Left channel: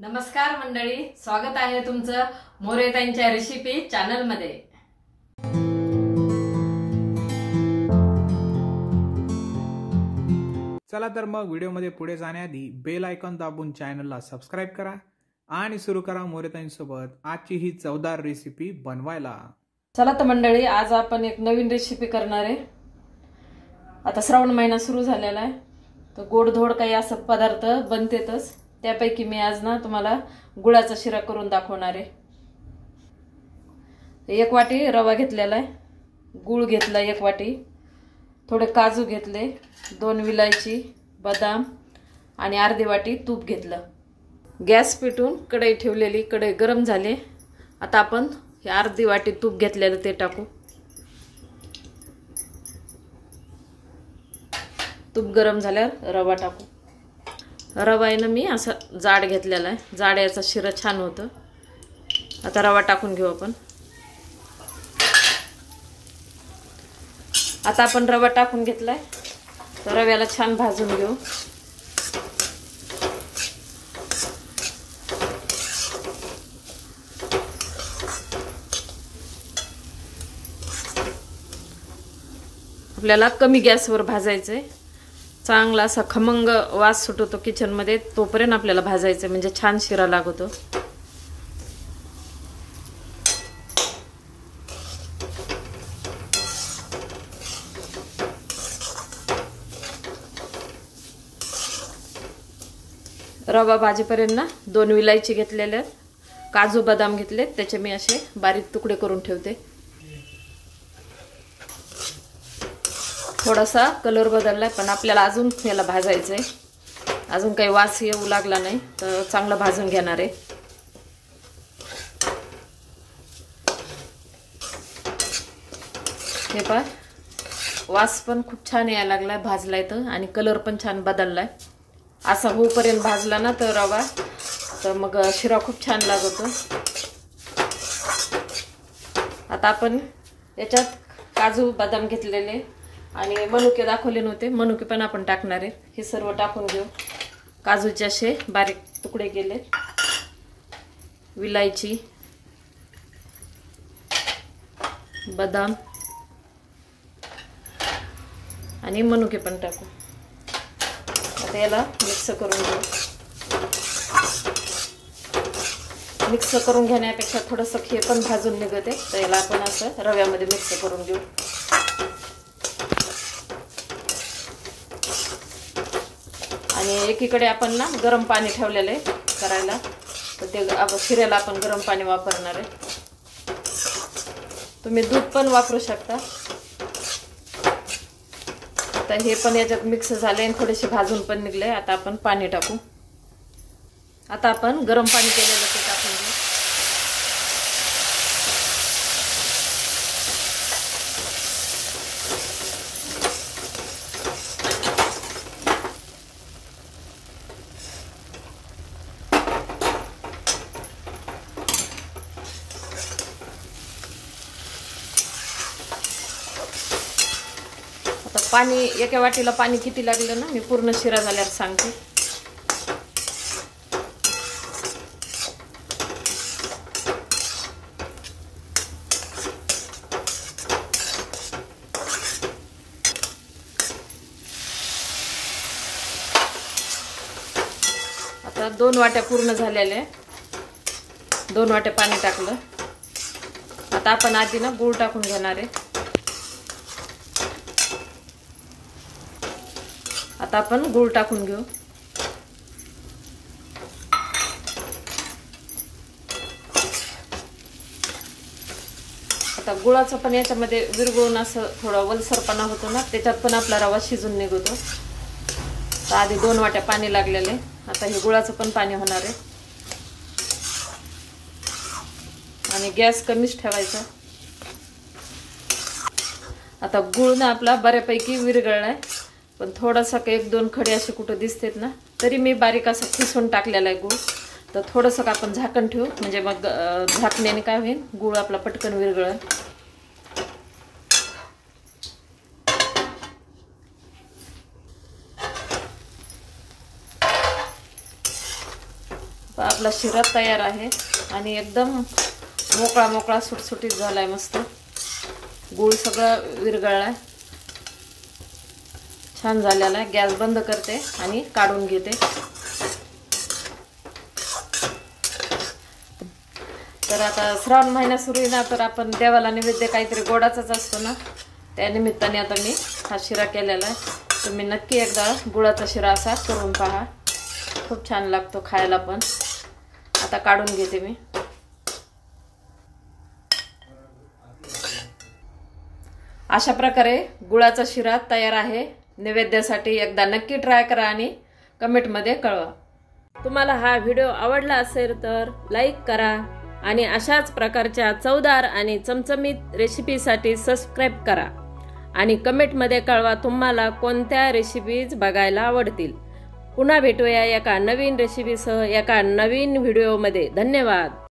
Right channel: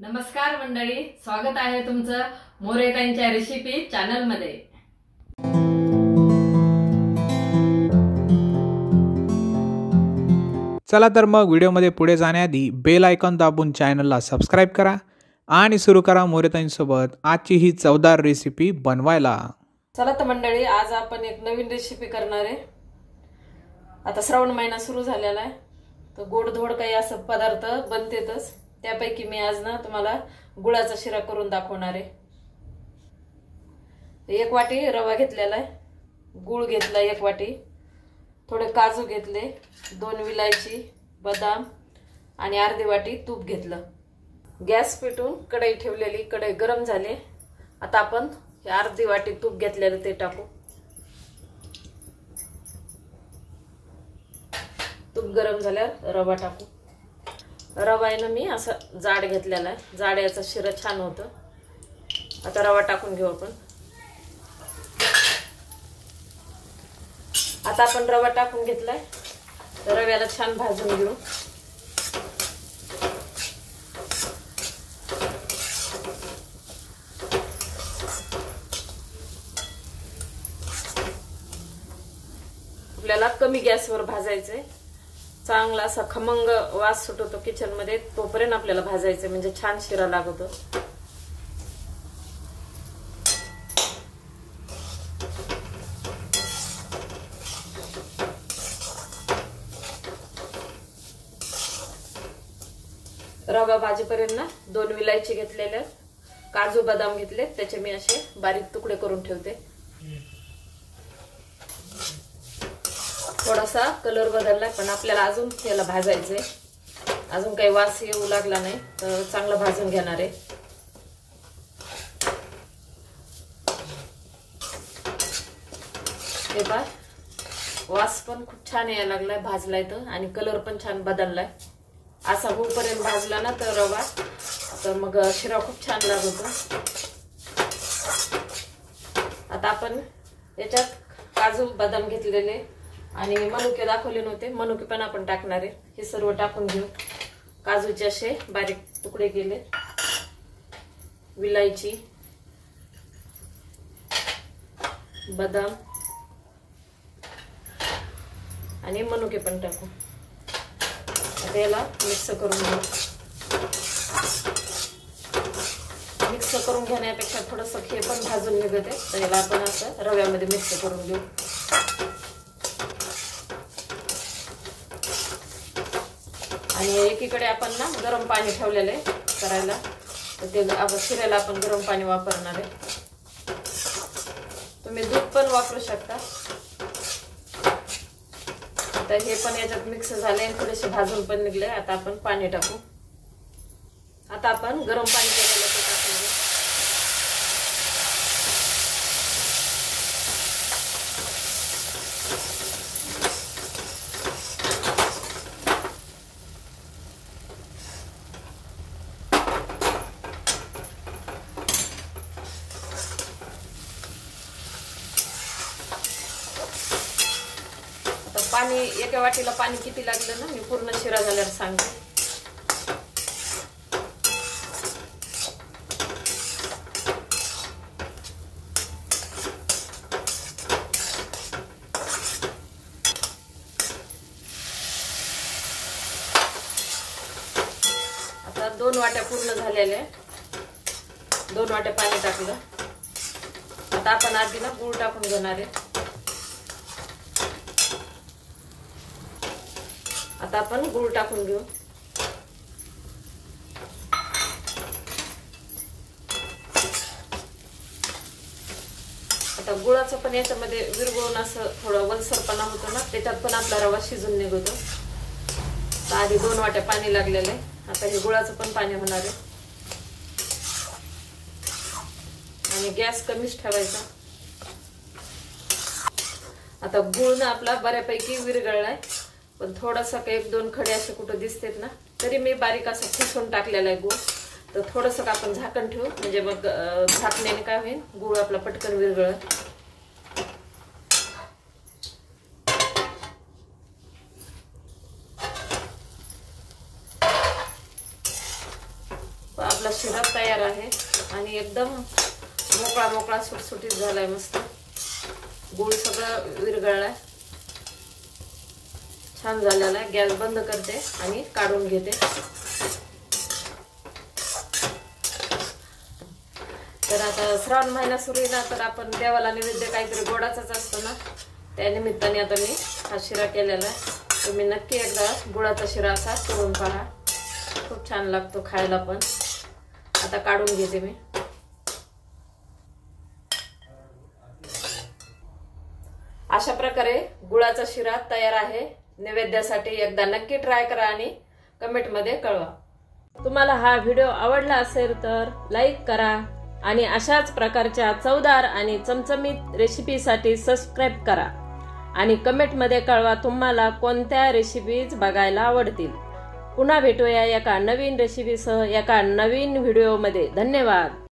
नमस्कार मंडळी, स्वागत आहे तुमचं मोरेताईंच्या रेसिपी चॅनल मध्ये। चला तर मग व्हिडिओमध्ये पुढे जाण्याआधी बेल आयकॉन दाबून चॅनलला सबस्क्राइब करा आणि सुरू करा मोरेताईंसोबत आजची ही चवदार रेसिपी बनवायला। चला तर मंडळी, आज आपण एक नवीन रेसिपी करणार आहे। आता श्रावण महिना सुरू झालेला आहे, तर गोडधोड काही असं पदार्थ बनतेतच। त्यापैकी मी आज ना तुम्हाला गुळाचा शिरा करून दाखवणार आहे। एक वाटी रवा घेतलेला आहे, गुळ घेतला एक वाटी, थोडे काजू घेतले, 2 विलायची, बदाम आणि अर्धी वाटी तूप घेतलं। गॅस पेटवून कढई ठेवलेली, कढई गरम झाली। आता आपण हे अर्धी वाटी तूप घेतलेलं ते टाकू। तूप गरम झाल्यावर रवा टाकू। रवा आहे ना मी असा जाड घेतलेला आहे, जाड याचा शिरा छान होतं। आता रवा टाकून घेऊ आपण। आता आपण रवा टाकून घेतलाय, तर रव्याला छान भाजून घेऊ। आपल्याला कमी गॅसवर भाजायचंय, चांगला असा खमंग वास सुटतो किचन मध्ये, तोपर्यंत आपल्याला भाजायचं, म्हणजे छान शिरा लागतो। रवा भाजीपर्यंत ना 2 विलायची घेतलेल्या, काजू बदाम घेतले, त्याचे मी असे बारीक तुकडे करून ठेवते। थोडासा कलर बदललाय, पण आपल्याला अजून याला भाजायचंय, अजून काही वास येऊ लागला नाही, तर चांगला भाजून घेणार आहे। हे पहा, वास पण खूप छान यायला लागलाय भाजलाय तर, आणि कलर पण छान बदललाय। असा होईपर्यंत भाजला ना तर रवा, तर मग शिरा खूप छान लागतो। आता आपण याच्यात काजू बदाम घेतलेले आणि मनुके दाखवले नव्हते, मनुके पण आपण टाकणार आहे। हे सर्व टाकून घेऊ। काजूचे असे बारीक तुकडे केले, विलायची, बदाम आणि मनुके पण टाकू। आता याला मिक्स करून घेऊ। मिक्स करून घेण्यापेक्षा थोडंसं हे पण भाजून निघते, तर याला आपण असं रव्यामध्ये मिक्स करून घेऊ। आणि एकीकडे आपण ना गरम पाणी ठेवलेलं आहे करायला, तर ते शिऱ्याला आपण गरम पाणी वापरणार आहे। तुम्ही दूध पण वापरू शकता। आता हे पण याच्यात मिक्स झाले आणि थोडेसे भाजून पण निघले। आता आपण पाणी टाकू। आता आपण गरम पाणी केलेलं ते टाकून घेऊ। पाणी एका वाटीला पाणी किती लागलं ना, मी पूर्ण शिरा झाल्यावर सांगते। आता 2 वाट्या पूर्ण झालेल्या, 2 वाट्या पाणी टाकलं। आता आपण आधी ना गूळ टाकून घेणार आहे। आता आपण गूळ टाकून घेऊ। आता गुळाचं पण याच्यामध्ये विरघळून असं थोडा वलसरपणा होतो ना, त्याच्यात पण आपला रवा शिजून निघतो। तर आधी 2 वाट्या पाणी लागलेले, आता हे गुळाचं पण पाणी होणार आहे। आणि गॅस कमीच ठेवायचा। आता गुळ ना आपला बऱ्यापैकी विरघळलाय, पण थोडासा 1-2 खडे असे कुठं दिसतेत ना, तरी मी बारीक असं किसून टाकलेला आहे गुळ। तर थोडंसं आपण झाकण ठेवू, म्हणजे मग झाकण्याने काय होईल, गुळ आपला पटकन विरघळेल। आपला शिरा तयार आहे आणि एकदम मोकळा मोकळा सुटसुटीत झालाय मस्त. गूळ सगळं विरघळलाय, छान झालेला आहे. गॅस बंद करते आणि काढून घेते. तर आता श्रावण महिना सुरू आहे ना, तर आपण देवाला नैवेद्य काहीतरी गोडाचाच असतो ना, त्या निमित्ताने आता मी हा शिरा केलेला आहे. तुम्ही नक्की एकदा गुळाचा शिरा असा करून पहा, खूप छान लागतो खायला पण. आता काढून घेते मी. अशा प्रकारे गुळाचा शिरा तयार आहे नैवेद्यासाठी. एकदा नक्की ट्राय करा आणि कमेंटमध्ये कळवा. तुम्हाला हा व्हिडिओ आवडला असेल तर लाईक करा आणि अशाच प्रकारच्या चवदार आणि चमचमीत रेसिपीसाठी सबस्क्राईब करा आणि कमेंटमध्ये कळवा तुम्हाला कोणत्या रेसिपीज बघायला आवडतील. पुन्हा भेटूया एका नवीन रेसिपीसह एका नवीन व्हिडिओमध्ये. धन्यवाद.